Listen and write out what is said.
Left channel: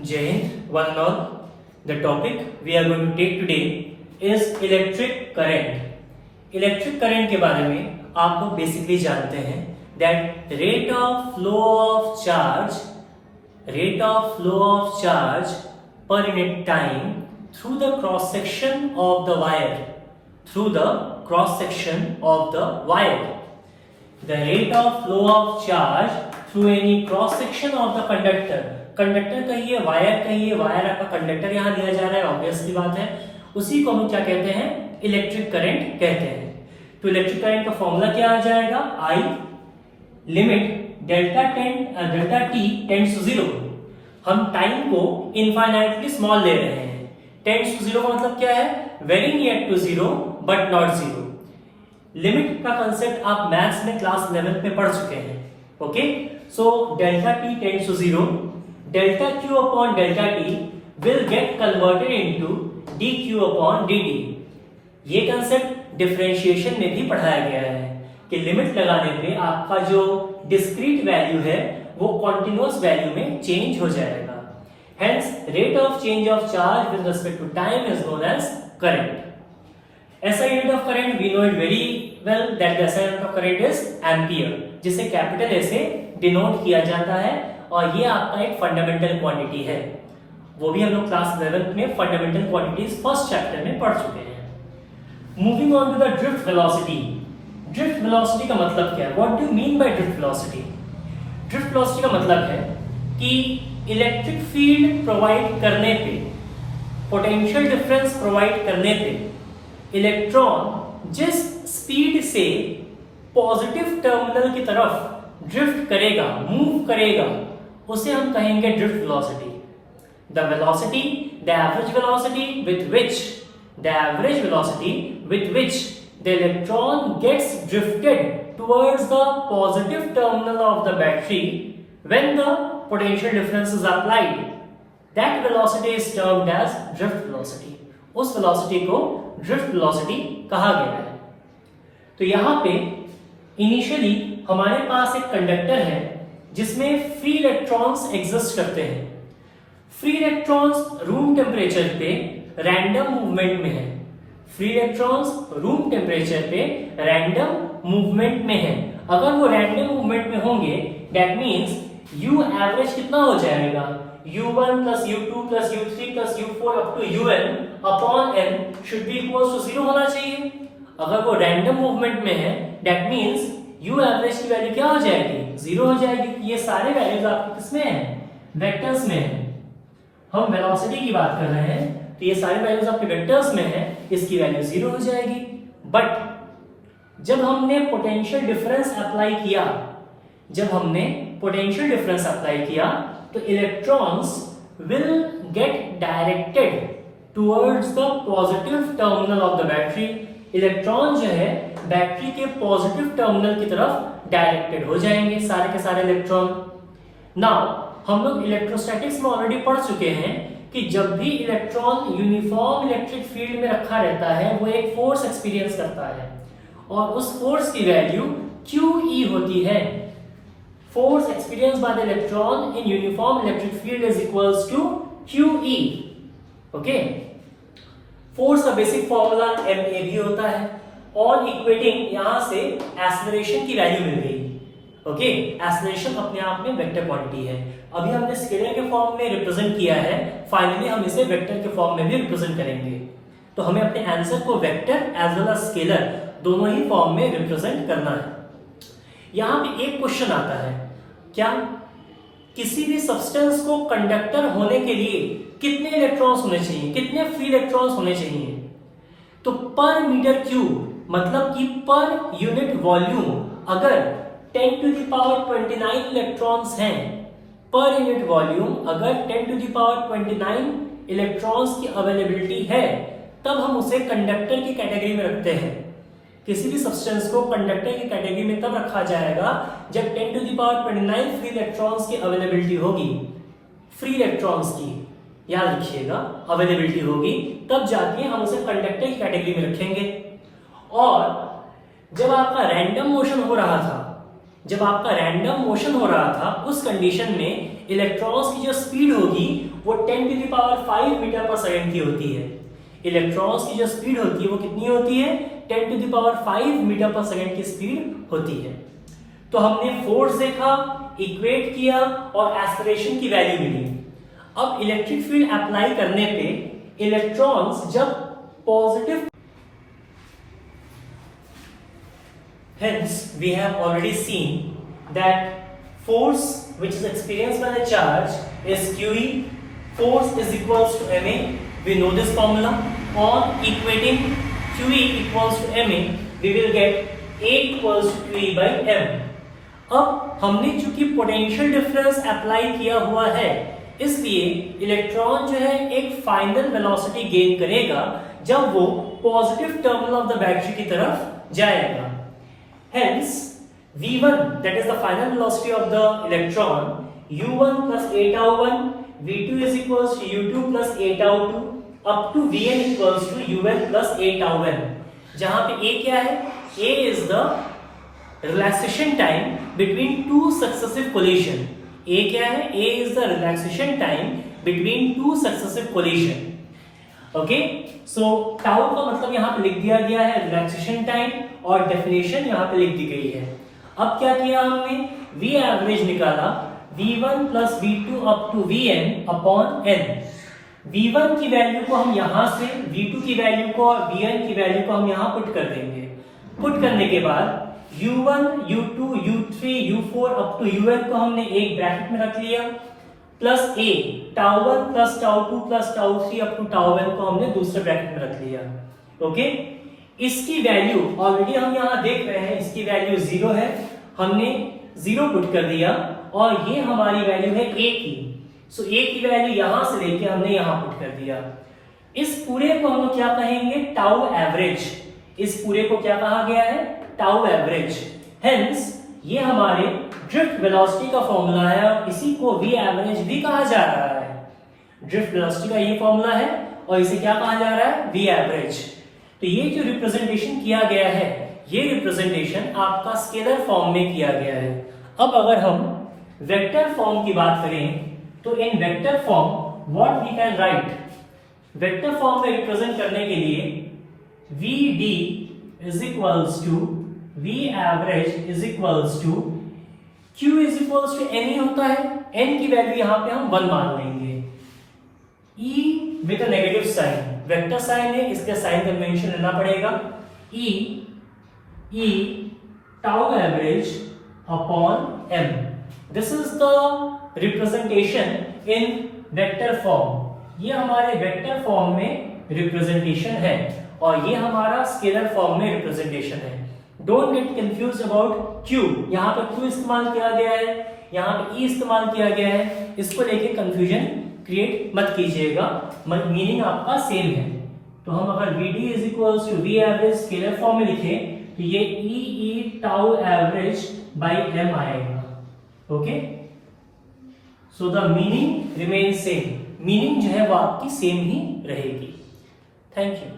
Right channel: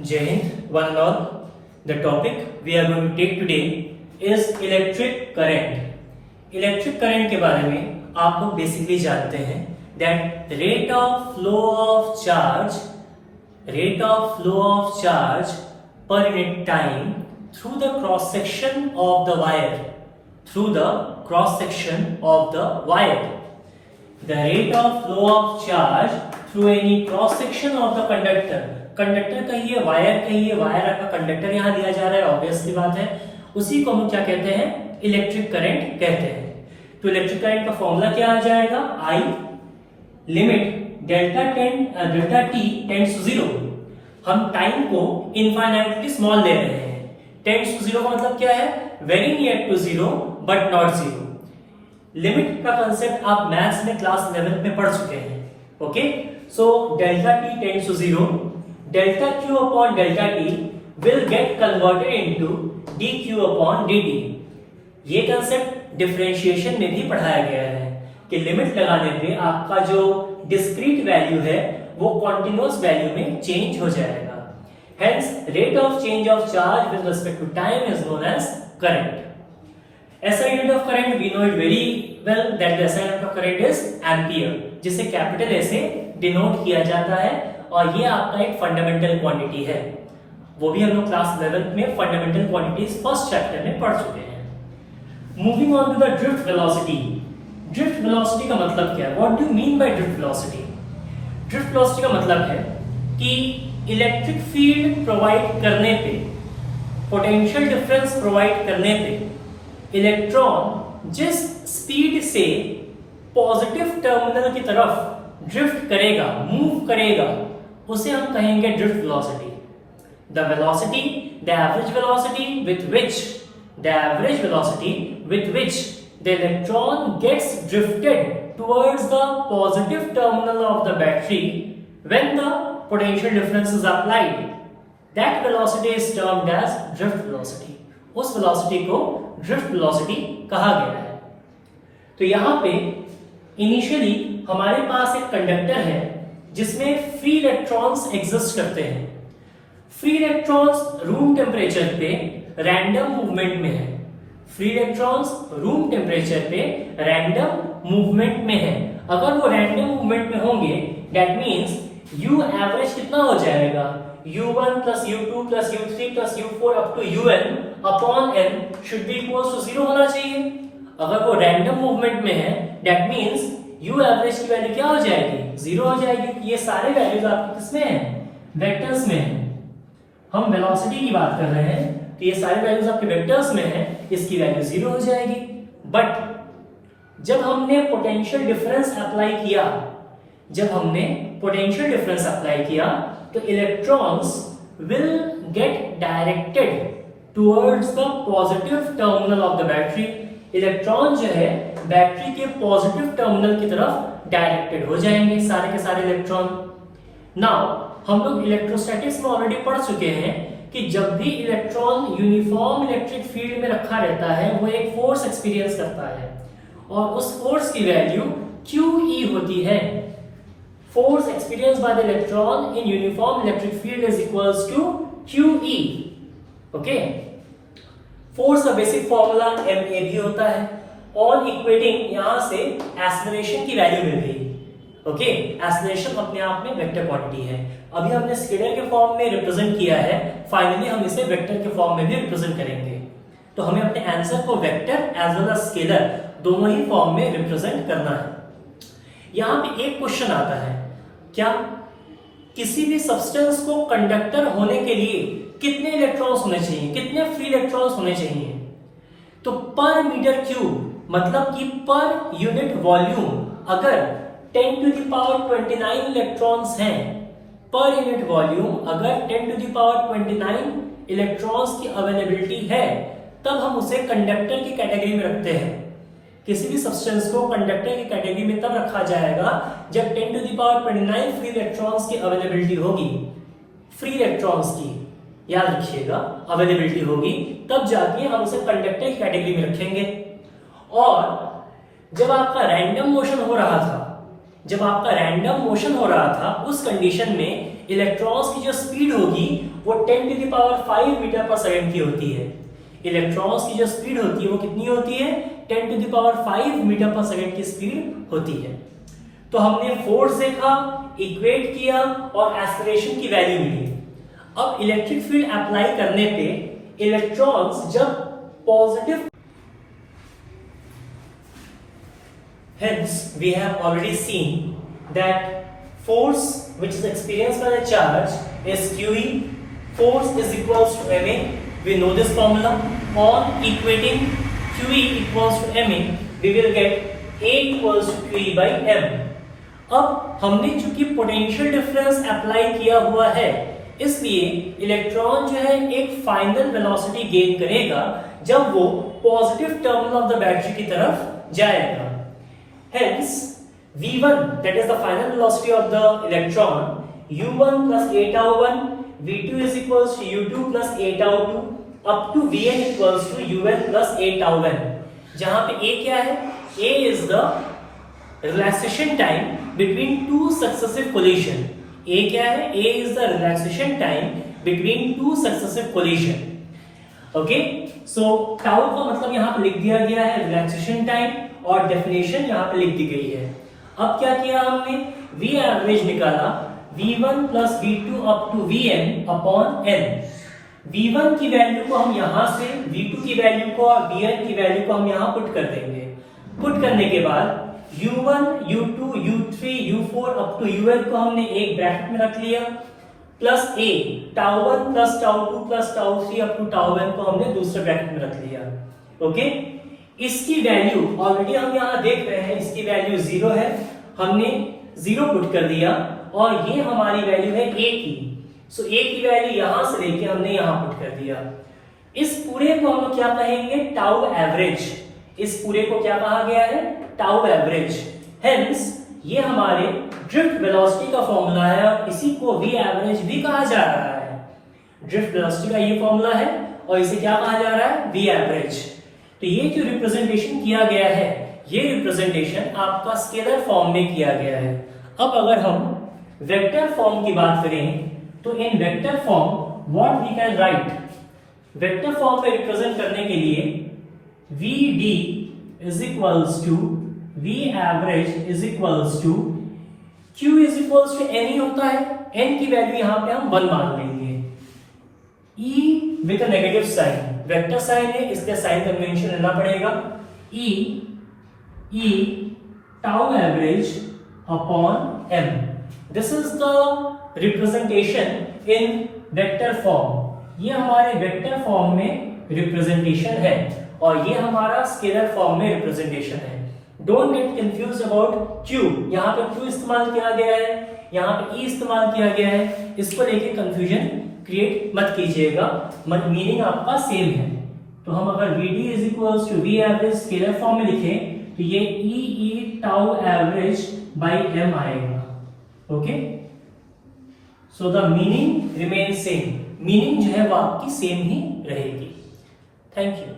Jai Hind, one and all. The topic we are going to take today is electric current. Electric current के बारे में आप लोग basically जानते हैं that rate of flow of charge per unit time through the cross section of the wire. The rate of flow of charge through any cross section of the conductor. Conductor कहिए, wire कहिए, wire आपका conductor यहाँ दिया जा रहा है, obvious सी बात है. उसी को हम क्या कहते हैं? इलेक्ट्रिक करंट कहते हैं. तो इलेक्ट्रिक करंट का फॉर्मूला क्या आ जाएगा? I limit delta T tends to 0. हम टाइम को इनफाइनाइटली स्मॉल ले रहे हैं. टेंड्स टू 0 का मतलब क्या है? Very near to 0 but not 0. Limit का कंसेप्ट आप मैथ्स में क्लास 11 में पढ़ चुके हैं. Okay, so delta T tends to 0, delta q upon delta t will get converted into dq upon dt. ये कंसेप्ट डिफरेंशिएशन में भी पढ़ाया गया है कि लिमिट लगाने पे आपका जो डिस्क्रीट वैल्यू है वो कॉन्टिन्यूअस वैल्यू में चेंज हो जाएगा. Hence, rate of change of charge with respect to time is known as current. SI unit of current we know it very well that the SI unit of current is ampere, जिसे capital A से denote किया जाता है. और ये आपका एक fundamental quantity है. वो भी हम लोग क्लास 11 में फंडामेंटल क्वांटिटीज फर्स्ट चैप्टर में पढ़ चुके हैं. Moving on to the drift velocity. Drift velocity का मतलब क्या है? What do you mean by drift velocity? Drift velocity का मतलब है कि इलेक्ट्रिक फील्ड प्रोवाइड करने पे, पोटेंशियल डिफरेंस प्रोवाइड करने पे इलेक्ट्रॉन जिस स्पीड से पॉजिटिव टर्मिनल की तरफ ड्रिफ्ट करेगा, मूव करेगा, उसे हम कहेंगे drift velocity. The velocity, the average velocity with which the electron gets drifted towards the positive terminal of the battery when the potential difference is applied, that velocity is termed as drift velocity. उस velocity को drift velocity कहा गया है. तो यहां पे initially हमारे पास एक कंडक्टर है जिसमें फ्री इलेक्ट्रॉन्स एग्जिस्ट करते हैं. फ्री इलेक्ट्रॉन्स रूम टेम्परेचर पे रैंडम मूवमेंट में है. फ्री इलेक्ट्रॉन्स रूम टेम्परेचर पे रैंडम मूवमेंट में है. अगर वो रैंडम मूवमेंट में होंगे दैट मींस U एवरेज कितना हो जाएगा? U1 plus U2 plus U3 plus U4 up to UN upon N should be equals to 0 होना चाहिए. अगर वो रैंडम मूवमेंट में है दैट मींस U एवरेज की वैल्यू क्या हो जाएगी? 0 हो जाएगी. ये सारे वैल्यूज आपके किसमें हैं? वेक्टर्स में हैं. हम वेलोसिटी की बात कर रहे हैं तो ये सारे वैल्यूज आपके वेक्टर्स में हैं, इसकी वैल्यू 0 हो जाएगी. बट जब हमने पोटेंशियल डिफरेंस अप्लाई किया, तो electrons will get directed towards the positive terminal of the battery. Electron जो है बैटरी के पॉजिटिव टर्मिनल की तरफ डायरेक्टेड हो जाएंगे, सारे के सारे इलेक्ट्रॉन. नाउ हम लोग इलेक्ट्रोस्टैटिक्स में ऑलरेडी पढ़ चुके हैं कि जब भी इलेक्ट्रॉन यूनिफॉर्म इलेक्ट्रिक फील्ड में रखा रहता है वो एक फोर्स एक्सपीरियंस करता है और उस फोर्स की वैल्यू QE होती है. Force experience by the electron in uniform electric field is equals to QE. Okay, force का बेसिक फॉर्मूला MA भी होता है. ऑन इक्वेटिंग यहां से एक्सेलरेशन की वैल्यू मिल गई. ओके, एक्सेलरेशन अपने आप में वेक्टर क्वांटिटी है. अभी हमने स्केलर के फॉर्म में रिप्रेजेंट किया है, फाइनली हम इसे वेक्टर के फॉर्म में भी रिप्रेजेंट करेंगे. तो हमें अपने आंसर को vector as well as scalar दोनों ही फॉर्म में रिप्रेजेंट करना है. यहां पे एक क्वेश्चन आता है, क्या किसी भी सब्सटेंस को कंडक्टर होने के लिए कितने इलेक्ट्रॉन्स होने चाहिए, कितने फ्री इलेक्ट्रॉन्स होने चाहिए? तो पर मीटर क्यूब मतलब कि पर यूनिट वॉल्यूम अगर 10 to the power 29 इलेक्ट्रॉन्स हैं, पर यूनिट वॉल्यूम अगर 10 to the power 29 इलेक्ट्रॉन्स की अवेलेबिलिटी है, तब हम उसे कंडक्टर की कैटेगरी में रखते हैं. किसी भी सब्सटेंस को कंडक्टर की कैटेगरी में तब रखा जाएगा जब 10 to the power 29 free electrons की अवेलेबिलिटी होगी. फ्री इलेक्ट्रॉन्स की याद रखिएगा अवेलेबिलिटी होगी, तब जाके हम उसे कंडक्टर की कैटेगरी में रखेंगे. और जब आपका रैंडम मोशन हो रहा था जब आपका रैंडम मोशन हो रहा था उस कंडीशन में इलेक्ट्रॉन्स की जो स्पीड होगी वो 10 टू द पावर 5 मीटर पर सेकंड की होती है। इलेक्ट्रॉन्स की जो स्पीड होती है वो कितनी होती है? 10 टू द पावर 5 मीटर पर सेकंड की स्पीड होती है। तो हमने फोर्स देखा, इक्वेट किया और एक्सेलरेशन की वैल्यू मिली। अब इलेक्ट्रिक फील्ड अप्लाई करने पे इलेक्ट्रॉन्स जब positive, hence we have already seen that force which is experienced by the charge is QE. Force is equals to MA. We know this formula. On equating QE equals to MA, we will get A equals to QE by M. अब हमने चूंकि potential difference apply किया हुआ है, इसलिए electron जो है एक फाइनल वेलोसिटी गेन करेगा जब वो positive terminal of the battery की तरफ जाएगा। Hence, V1, that is the final velocity of the electron, U1 plus A tau 1, V2 is equals to U2 plus A tau 2, up to Vn equals to Un plus A tau n. जहां पे A क्या है? A is the relaxation time between two successive collision. A क्या है? A is the relaxation time between two successive collision. Okay, so tau का मतलब यहाँ पे लिख दिया गया है रिलैक्सेशन टाइम और डेफिनेशन यहाँ पे लिख दी गई है। अब क्या किया हमने? V एवरेज निकाला, V1 plus V2 up to Vn upon n। V1 की वैल्यू को हम यहाँ से V2 की वैल्यू को और Vn की वैल्यू को हम यहाँ पुट कर देंगे। पुट करने के बाद U1, U2, U3, U4 up to Un को हमने एक ब्रैकेट में रख लिया, plus A tau 1 plus tau 2 plus tau 3 up to tau n को हमने दूसरे ब्रैकेट में रख लिया। ओके, इसकी वैल्यू ऑलरेडी हम यहाँ देख रहे हैं, इसकी वैल्यू 0 है, हमने 0 पुट कर दिया और ये हमारी वैल्यू है A की। सो A की वैल्यू यहाँ से लेके हमने यहाँ पुट कर दिया। इस पूरे को हम क्या कहेंगे? Tau average. इस पूरे को क्या कहा गया है? Tau average. हेंस ये हमारे ड्रिफ्ट वेलोसिटी का फॉर्मूला है और इसी को V एवरेज भी कहा जा रहा है। ड्रिफ्ट वेलोसिटी का ये फॉर्मूला है और इसे क्या कहा जा रहा है? V average. तो ये जो रिप्रेजेंटेशन किया गया है, ये रिप्रेजेंटेशन आपका स्केलर फॉर्म में किया गया है। अब अगर हम वेक्टर फॉर्म की बात करें तो in vector form what we can write, vector form में रिप्रेजेंट करने के लिए VD is equals to V average is equals to Q is equals to N ही होता है। N की वैल्यू यहाँ पे हम 1 मान लेंगे। E with a negative sign, vector sign है इसका साइन कन्वेंशन लेना पड़ेगा। E tau average upon M, this is the representation in vector form. ये हमारे वेक्टर फॉर्म में रिप्रेजेंटेशन है और ये हमारा स्केलर फॉर्म में रिप्रेजेंटेशन है। Don't get confuse about Q, यहाँ पे Q इस्तेमाल किया गया है, यहाँ पे E इस्तेमाल किया गया है, इसको लेके कंफ्यूजन क्रिएट मत कीजिएगा, मीनिंग आपका सेम है। तो हम अगर VD is equals to V average scalar form में लिखें तो ये E tau average by M आएगा। Okay, so the meaning remain same, meaning जो है वो आपकी सेम ही रहेगी। Thank you.